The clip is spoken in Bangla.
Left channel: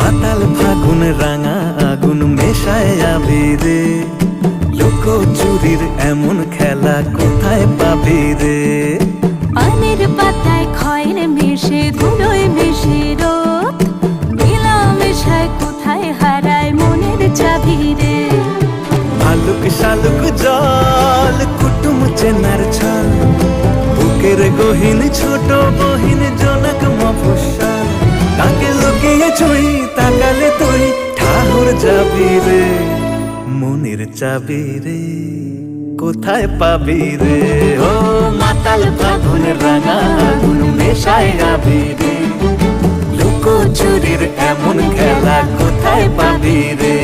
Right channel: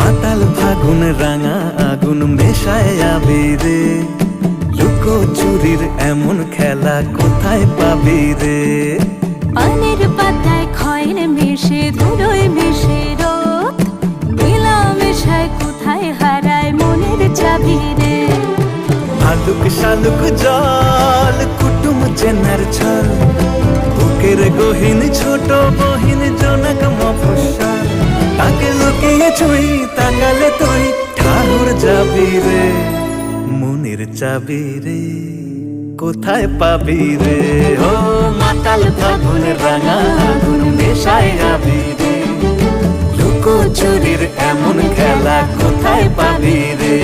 মাতাল ফাগুন রাঙা আগুন মেশায় আবিরে, লুকো চুরির এমন খেলা কোথায় পাবি রে? পানের পাতায় খয়ের মিশে ধুলোয় মিশে রোদ, মেলা মেশায় কোথায় হারায় মনের চাবি রে? ভালুক শালুক জল কুটুম চেনার ছল, বুকের গহীন ছোট বহিন জনক মফস্বল, তাকে লুকিয়ে ছুঁই তাকালে তুই ঠাহর যাবি রে। মনের চাবি রে কোথায় পাবি রে? ও মাতাল ফাগুন রাঙা আগুন মেশায় আবিরে, লুকো চুরির এমন খেলা কোথায় পাবি রে?